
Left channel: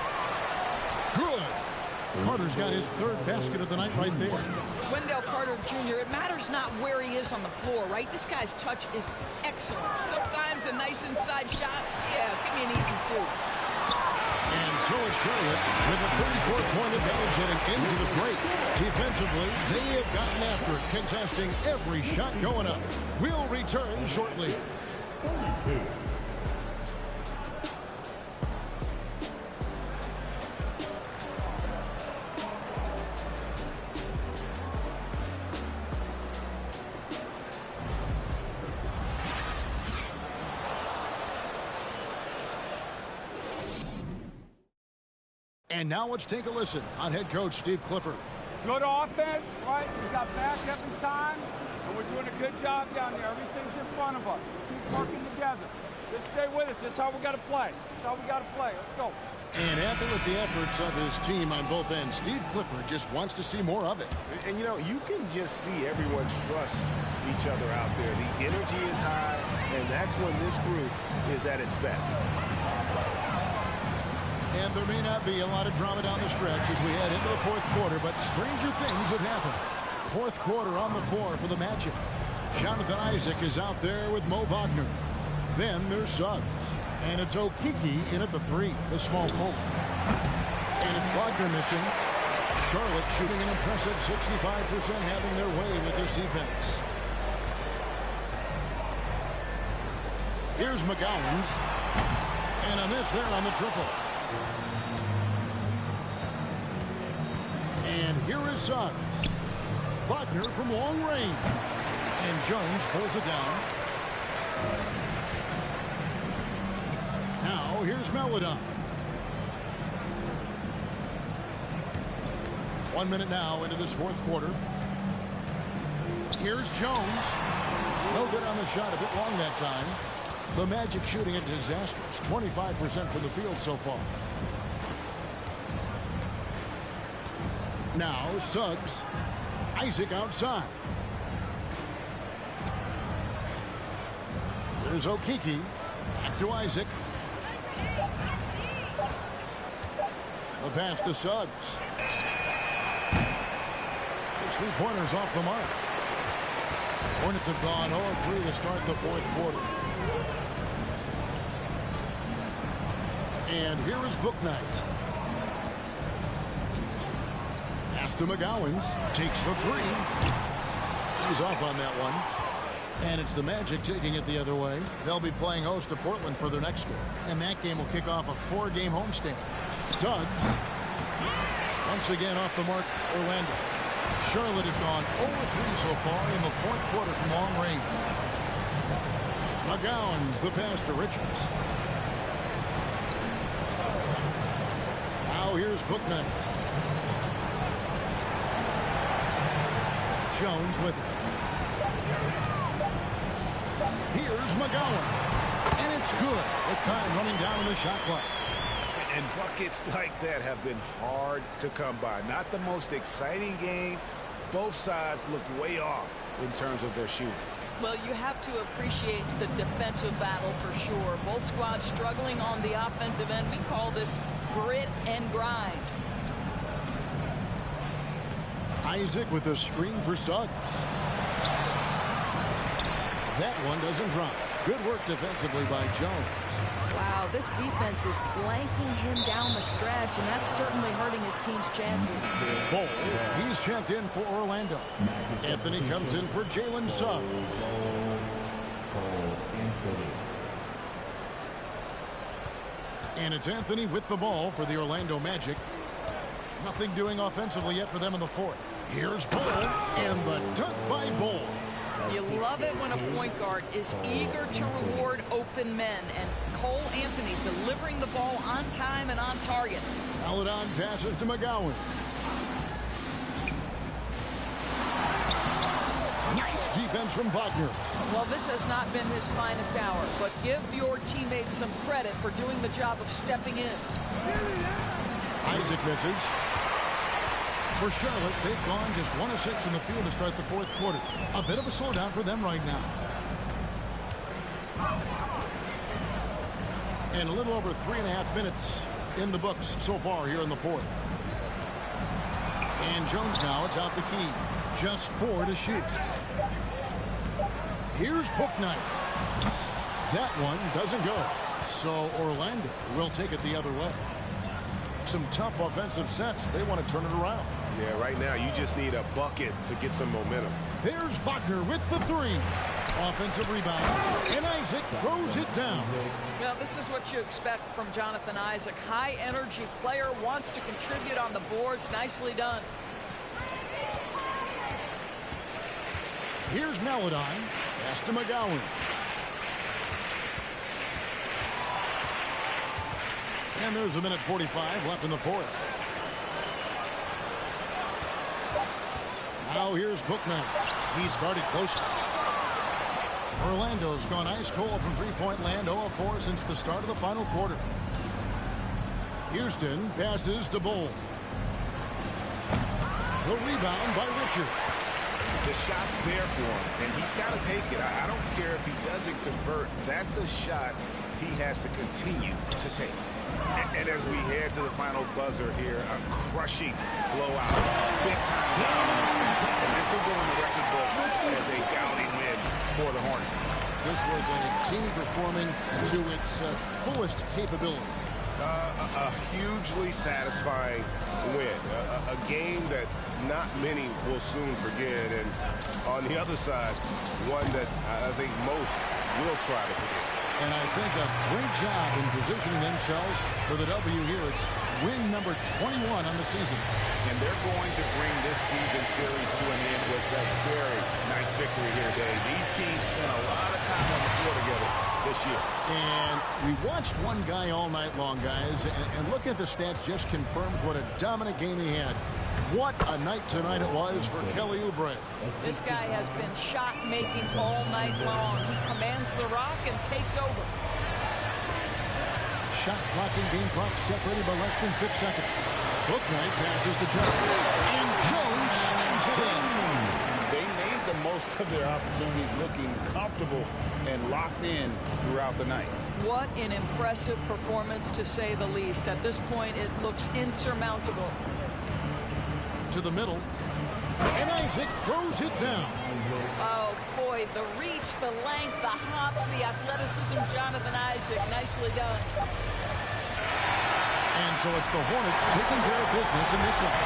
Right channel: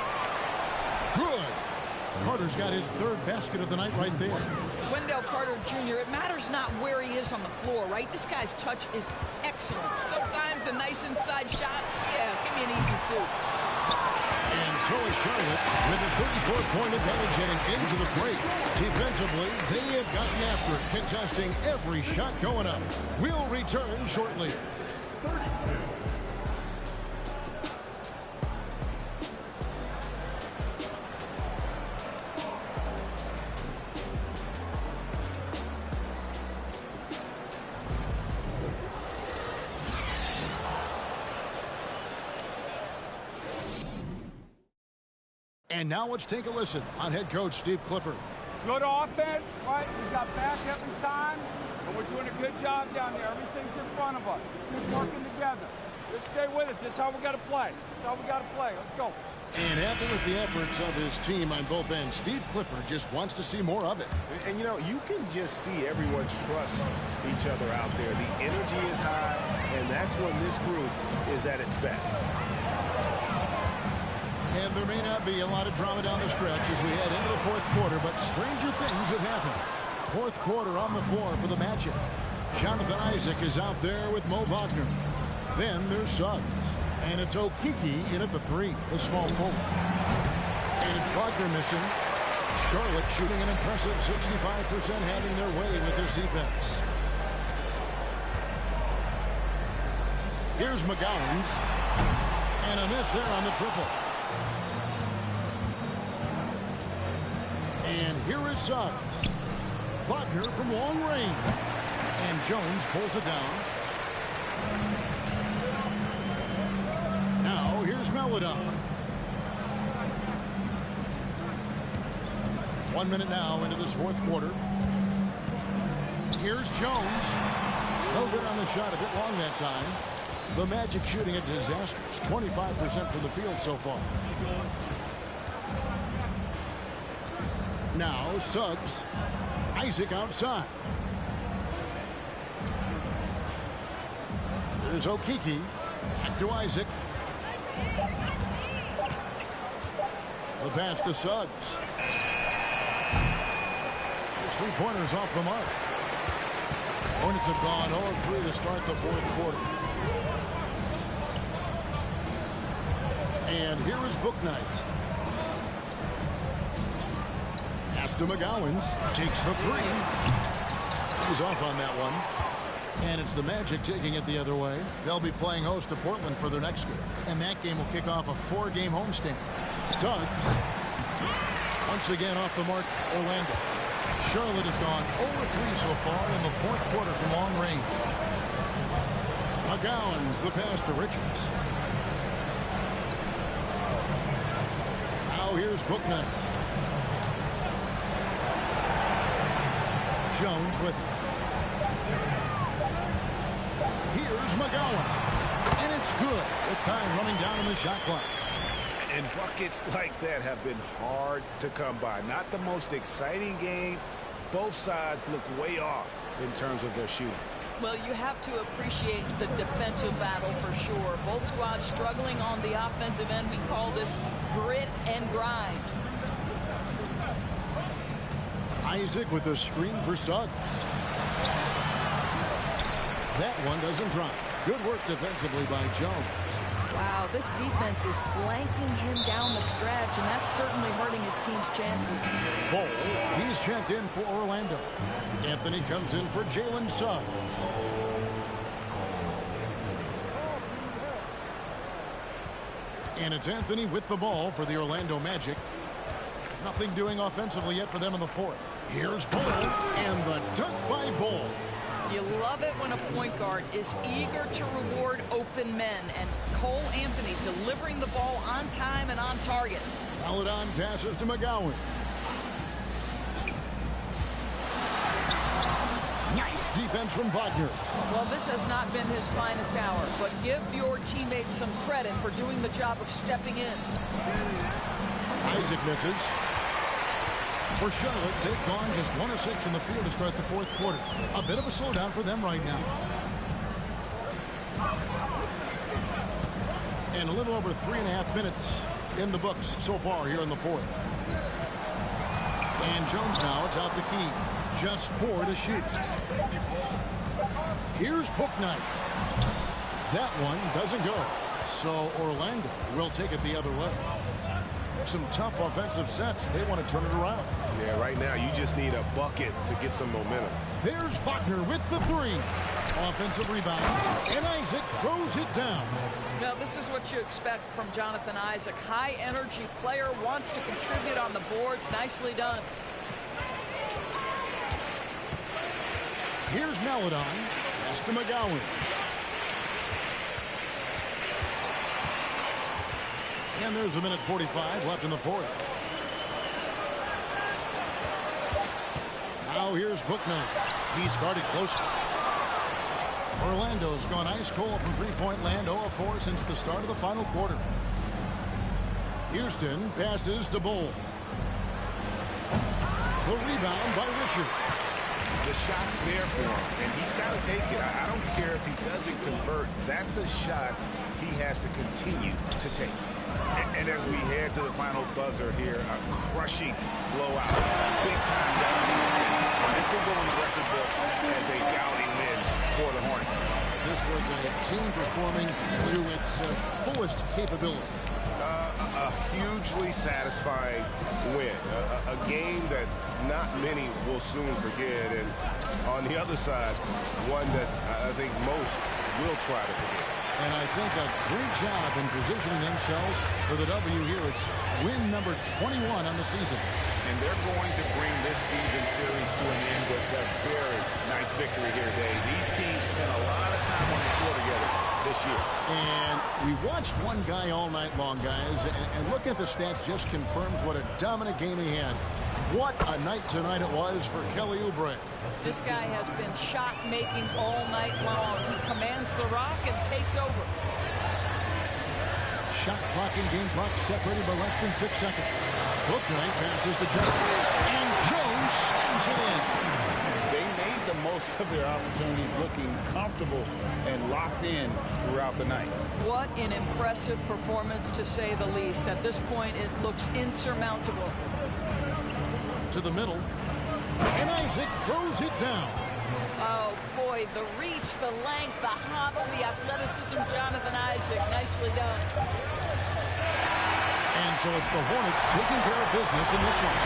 Good. Carter's got his 3rd basket of the night right there. Wendell Carter Jr., it matters not where he is on the floor, right? This guy's touch is excellent. Sometimes a nice inside shot, yeah, give me an easy 2. And so is Charlotte with a 34-point advantage heading into the break. Defensively, they have gotten after it, contesting every shot going up. We'll return shortly. And now let's take a listen on head coach Steve Clifford. Good offense, right? We got back every time, and we're doing a good job down there. Everything's in front of us. Keep working together. Just stay with it. This is how we got to play. This is how we got to play. Let's go. And happy with the efforts of his team on both ends. Steve Clifford just wants to see more of it. And, you know, you can just see everyone trust each other out there. The energy is high, and that's when this group is at its best. And there may not be a lot of drama down the stretch as we head into the fourth quarter, but stranger things have happened. Fourth quarter on the floor for the Magic. Jonathan Isaac is out there with Mo Wagner. Then there's Suggs. And it's Okeke in at the 3, the small forward. And it's Wagner missing. Charlotte shooting an impressive 65%, having their way with this defense. Here's McGowan's. And a miss there on the triple. And here is Suggs. Wagner from long range. And Jones pulls it down. Now, here's Melodon. 1 minute now into this fourth quarter. Here's Jones. No good on the shot, a bit long that time. The Magic shooting a disastrous 25% from the field so far. Now, Suggs. Isaac outside. Here's Okeke. Back to Isaac. The pass to Suggs. His three-pointers off the mark. Hornets have gone 0-3 to start the fourth quarter. And here is Bouknight. Pass to McGowan's. Takes the 3. He's off on that one. And it's the Magic taking it the other way. They'll be playing host to Portland for their next game. And that game will kick off a 4-game homestand. Suggs. Once again off the mark, Orlando. Charlotte has gone 0-3 so far in the fourth quarter from long range. McGowan's the pass to Richards. Now here's Bouknight. Jones with it. Here's McGowan. And it's good with time running down in the shot clock. And buckets like that have been hard to come by. Not the most exciting game. Both sides look way off in terms of their shooting. Well, you have to appreciate the defensive battle for sure. Both squads struggling on the offensive end. We call this grit and grind. Isaac with a screen for Suggs. That one doesn't drop. Good work defensively by Jones. Wow, this defense is blanking him down the stretch, and that's certainly hurting his team's chances. Bol, he's checked in for Orlando. Anthony comes in for Jalen Suggs. And it's Anthony with the ball for the Orlando Magic. Nothing doing offensively yet for them in the fourth. Here's Bol, and the dunk by Bol. You love it when a point guard is eager to reward open men, and Cole Anthony delivering the ball on time and on target. Melodon passes to McGowan. Nice defense from Wagner. Well, this has not been his finest hour, but give your teammates some credit for doing the job of stepping in. Isaac misses. For Charlotte, they've gone just 1 of 6 in the field to start the fourth quarter. A bit of a slowdown for them right now. And a little over 3.5 minutes in the books so far here in the fourth. And Jones now atop the key. Just 4 to shoot. Here's Bouknight. That one doesn't go. So Orlando will take it the other way. Some tough offensive sets. They want to turn it around. Yeah, right now you just need a bucket to get some momentum. There's Wagner with the 3. Offensive rebound. And Isaac throws it down. Now, this is what you expect from Jonathan Isaac. High energy player, wants to contribute on the boards. Nicely done. Here's Melodon. Pass to McGowan. And there's 1:45 left in the fourth. Now here's Bouknight. He's guarded closely. Orlando's gone ice cold from three-point land, 0 of 4 since the start of the final quarter. Houston passes to Bull. The rebound by Richard. The shot's there for him, and he's got to take it. I don't care if he doesn't convert. That's a shot he has to continue to take. And as we head to the final buzzer here, a crushing blowout, big-time dominance, and this will go in the record books as a gaudy win for the Hornets. This was a team performing to its fullest capability. A hugely satisfying win, a game that not many will soon forget, and on the other side, one that I think most will try to forget. And I think a great job in positioning themselves for the W here. It's win number 21 on the season. And they're going to bring this season series to an end with a very nice victory here, Dave. These teams spent a lot of time on the floor together this year. And we watched one guy all night long, guys, and look at the stats just confirms what a dominant game he had. What a night tonight it was for Kelly Oubre. This guy has been shot-making all night long. He commands the rock and takes over. Shot clock and game clock separated by less than 6 seconds. Bouknight passes to Jones, and Jones slams it in. They made the most of their opportunities, looking comfortable and locked in throughout the night. What an impressive performance, to say the least. At this point, it looks insurmountable. To the middle, and Isaac throws it down. Oh, boy, the reach, the length, the hops, the athleticism, Jonathan Isaac. Nicely done. And so it's the Hornets taking care of business in this one.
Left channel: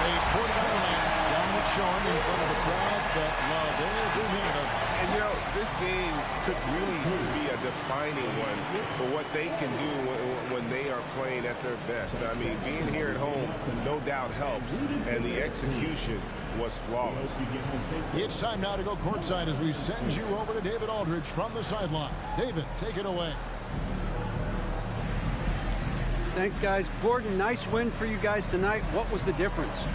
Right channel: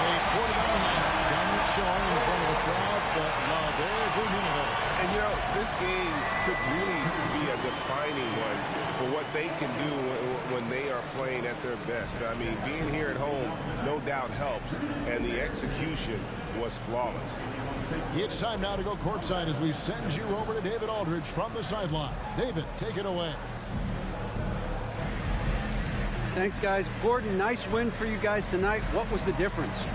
They poured it on a dominant showing in front of a crowd that loved every minute of it. And, you know, this game could really be a defining one for what they can do when they are playing at their best. I mean, being here at home no doubt helps, and the execution was flawless. It's time now to go courtside as we send you over to David Aldridge from the sideline. David, take it away. Thanks, guys. Gordon, nice win for you guys tonight. What was the difference?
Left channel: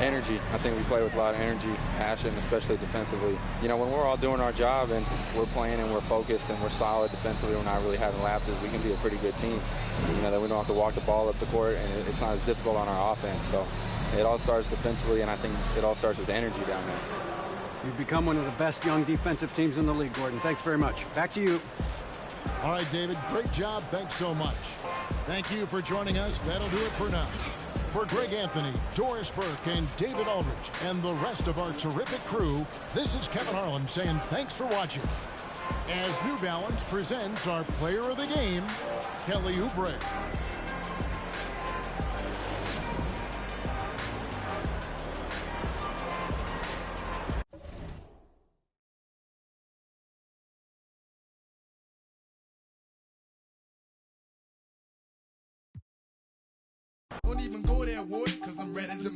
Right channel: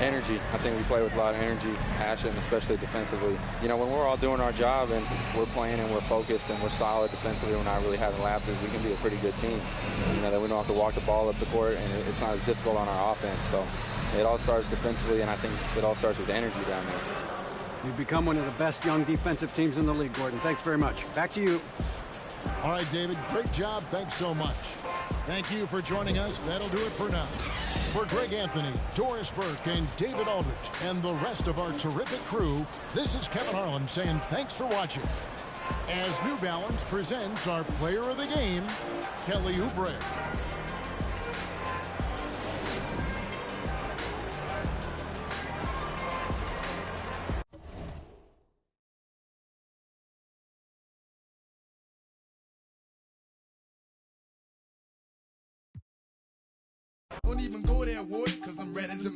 Energy. I think we play with a lot of energy, passion, especially defensively. You know, when we're all doing our job and we're playing and we're focused and we're solid defensively, we're not really having lapses, we can be a pretty good team. You know, that we don't have to walk the ball up the court, and it's not as difficult on our offense. So it all starts defensively, and I think it all starts with energy down there. You've become one of the best young defensive teams in the league, Gordon. Thanks very much. Back to you. All right, David, great job. Thanks so much. Thank you for joining us. That'll do it for now. For Greg Anthony, Doris Burke, and David Aldridge, and the rest of our terrific crew, this is Kevin Harlan saying thanks for watching. As New Balance presents our player of the game, Kelly Oubre. Don't even go there, Ward, because I'm ready to